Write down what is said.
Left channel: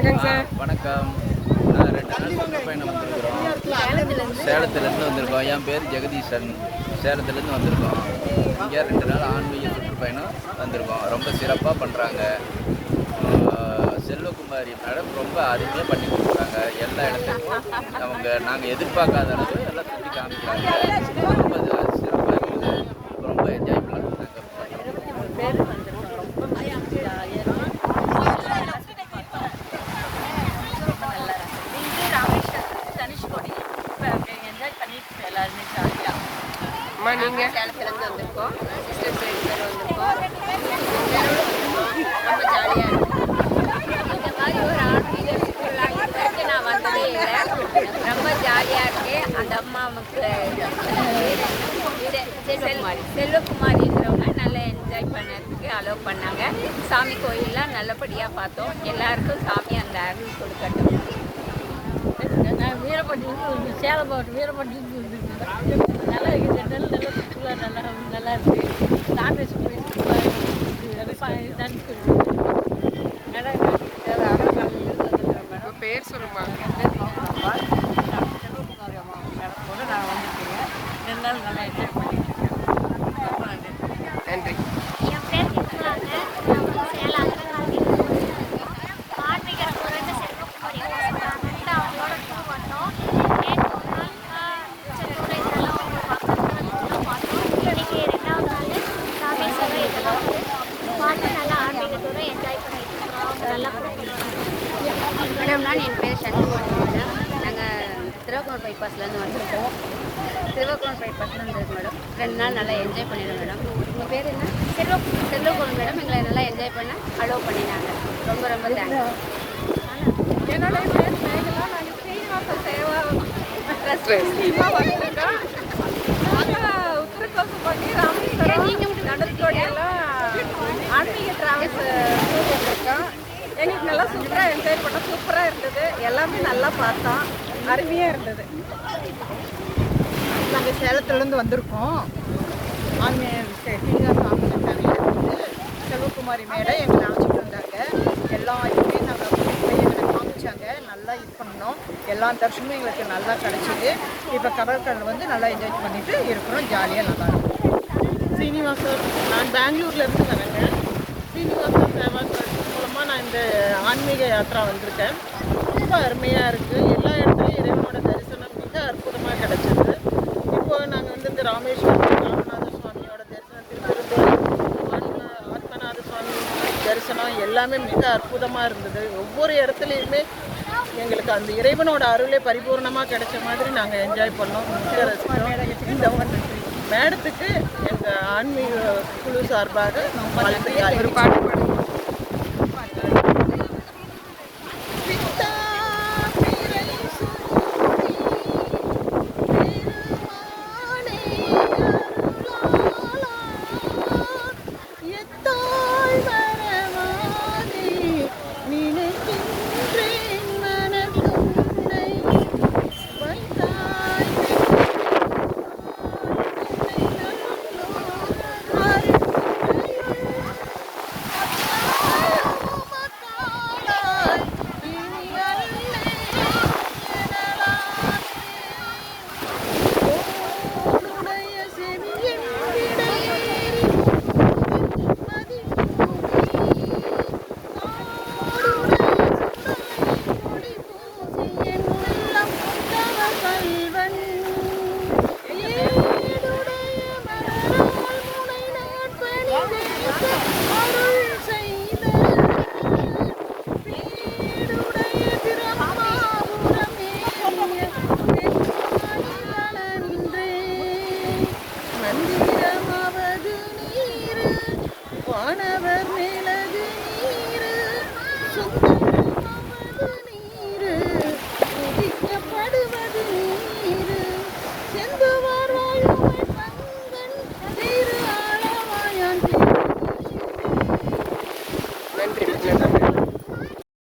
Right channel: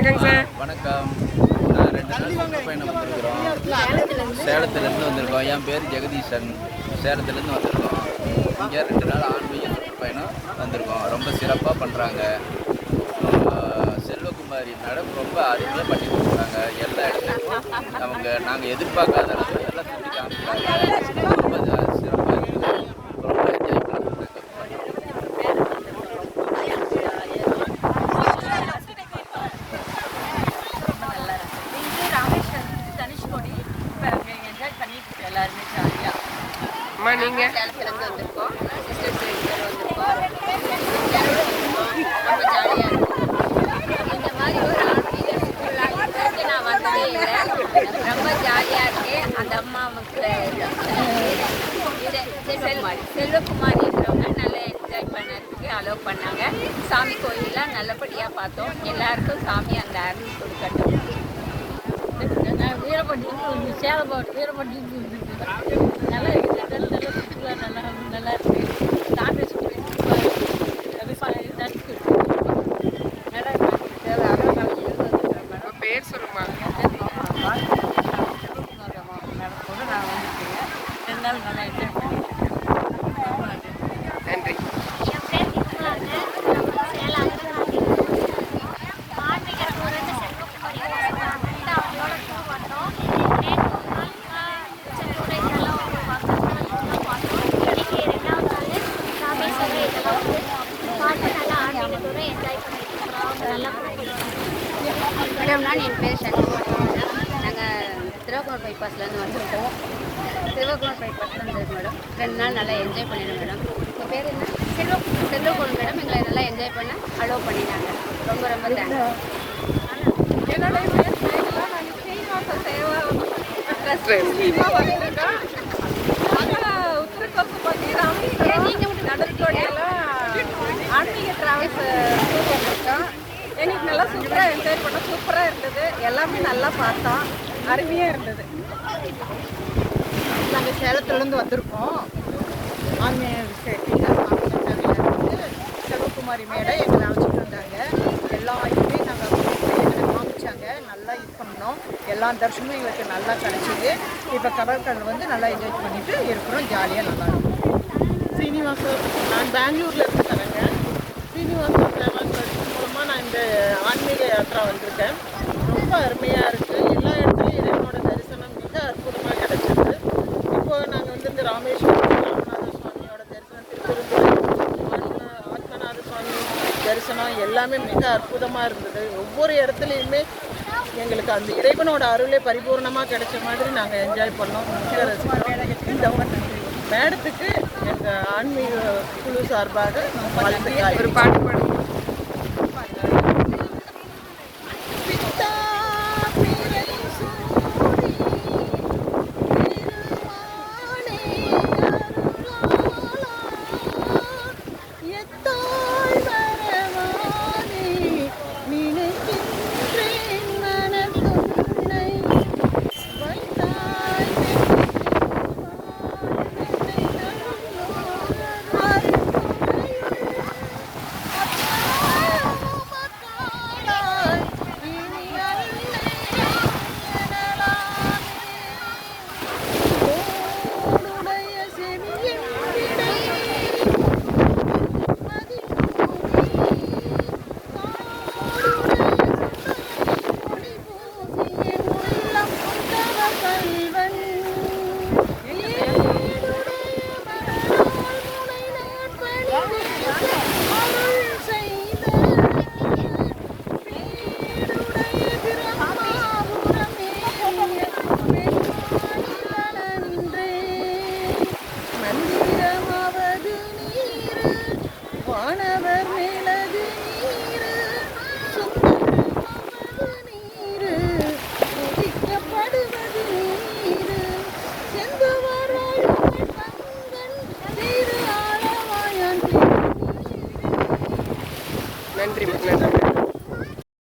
வணக்கங்க சார். வணக்கம். நான் ரெண்டு நாள் சுற்றுப்பயணம் வந்திருக்கிறோம். சேலத்துலேருந்து வந்திருக்கோம். என் பேர் ஜெகதீசன். சேலத்துலேருந்து வந்திருக்கோம். இங்கே ரெண்டு நாள் ஆன்மீக சுற்றுப்பயணம் வந்திருக்கோம். ரொம்ப சிறப்பாக பண்ணுறாங்க செல்வகுமாரி மேடம் ரொம்ப அருமையாக பண்ணி கொடுக்குறாங்க எல்லா இடத்துக்கும் அவங்க நாங்கள் எதிர்பார்க்காத இடத்துல எல்லாம் சுற்றி காமிக்கிறாங்க ரொம்ப சிறப்பாக இருக்குது ரொம்ப என்ஜாய் பண்ணி ரொம்ப நல்லா இருக்கு இது ராமேஸ்வரம் தனுஷ்கோடி இப்போ அங்கே என்ஜாய் பண்ணிட்டு இருக்கோம் எல்லாருமே ஜாலியாக அம்மா நீங்க சேலத்துலேருந்து வந்திருக்கோம். சிஸ்டர்ஸ் ரெண்டு பேர் வந்திருக்கோம். ரொம்ப ஜாலியாக இருக்கும் இந்த மாதிரி ஒரு ஆன்மீக சுற்றுலா இது வரைக்கும் நான் வந்ததே இல்லை. ரொம்ப ஜாலியாக இருக்கு. அந்த அம்மாவுக்கு செல் செல்வகுமாரின்றவங்க நல்லா என்ஜாய் பண்ணதுக்கு அலோவ் பண்ணாங்க. சாமி கோயிலெலாம் நல்லபடியாக பார்த்தோம். எல்லாருக்கும் சாமி அந்த அருள் கொடுக்கட்டும். வீரப்பட்டியிலிருந்து வந்து சேலம் மாவட்டம் வீரப்பட்டியிலிருந்து நல்லா இருக்குது. நல்ல நல்ல சுற்றுலா நல்லா நல்லா இருக்குது. ராமேஸ்வரம் போயிட்டு வந்துருக்கேன் மேடம் பேர் சொல்லுமா? மேடம் கூட நான் வந்திருக்கேங்க ரெண்டு நாள் நல்லா என்ஜாய் பண்ணிட்டு இருக்கேன். நன்றி நன்றி என் பேர் திருமலாங்க நான் வந்து சேலம் அகரங்காட்டிலிருந்து வந்திருக்கோம் ஆன்மீக டூர்னு செல்வகுமாரி அம்மா சொன்னாங்கன்ட்டு அவங்களோட டூர் வந்தோம் நேற்று ஒரு நாள் திருச்செந்தூர் இதெல்லாம் ஒரு வருஷத்துல டூர்லாம் பார்த்தோம் இன்னைக்கு ரெண்டாவது நாள் ராமேஸ்வரம் இதெல்லாம் வந்து பார்த்து நல்லா ஆன்மீக டூரை என்ஜாய் பண்ணிட்டு இருக்கிறோம் அவங்க நல்லா கூட்டிட்டு வராங்க மேடம் நான் என் பேர் சண்முகவடி மேடம். நாங்கள் திருவாக்கூர் பைபாஸ்லேருந்து வந்திருக்கோம். திருவாக்கூர் பைபாஸ்ல வந்திருக்கு மேடம். ரெண்டு நாள் நல்லா என்ஜாய் பண்ணிடுறோம் மேடம். உங்கள் பேர் என்ன? செல்வ செல்வகுமார் மேடம் எங்களை நல்லா என்ஜாய் பண்ண அலோவ் பண்ணினாங்க. ரொம்ப ரொம்ப தேங்க்ஸ் என்னுடைய பேர் மேகலா. நாங்கள் ஸ்ரீனிவாச சேவா ட்ரஸ்ட் மூலியமாக வந்திருக்கோம் நாங்கள் உத்திரகோசப்பட்டி ராமேஸ்வரம் நடக்கோடியெல்லாம் ஆன்மீக டிராவல்ஸ் டூர் வந்திருக்கோம். எங்களுக்கு நல்லா சூப்பராக என்ஜாய் பண்ணோம் சூப்பராக இருந்தது. எல்லாமே நல்லா பார்த்தோம். அருமையாக இருந்தது. நாங்கள் சேலத்துலேருந்து வந்திருக்கோம். ஆன்மீக செல்வகுமாரி மேடம் எங்களை அழைச்சிட்டு வந்தாங்க. எல்லா இதுலேயும் நாங்கள் எங்களை காமிச்சாங்க. நல்லா இது பண்ணோம். எல்லா தரிசனமும் எங்களுக்கு நல்லா கிடச்சிது. இப்போ கடற்கடல் வந்து நல்லா என்ஜாய் பண்ணிட்டு இருக்கிறோம். ஜாலியாக நல்லா இருக்கும். சீனிவாசர் நான் பெங்களூர்லேருந்து வரேங்க சீனிவாசர் டிராவல்ஸ் மூலமாக நான் இந்த ஆன்மீக யாத்திரா வந்திருக்கேன். ரொம்ப அருமையாக இருக்குது எல்லா இடத்துலையும் இறைவனோட தரிசனம் மிக அற்புதமாக கிடச்சிருக்கு. இப்போது நாங்கள் வந்து இந்த ராமேஸ்வரம் ராமநாத சுவாமியோட தரிசனம் திருப்பெருந்துறை ஆத்மநாத சுவாமி தரிசனம் எல்லாமே மிக அற்புதமாக இருந்தது. ஒவ்வொரு இடத்துலையுமே எங்களுக்கு அந்த இறைவனோட அருளே பரிபூர்ணமாக கிடைச்ச மாதிரி நாங்கள் என்ஜாய் பண்ணோம். மிக ரசித்தோம் இந்த மேடத்துக்கு எங்கள் ஆன்மீக குழு சார்பாக வாழ்த்துக்கள் ஒரு பாட்டு え。calculator.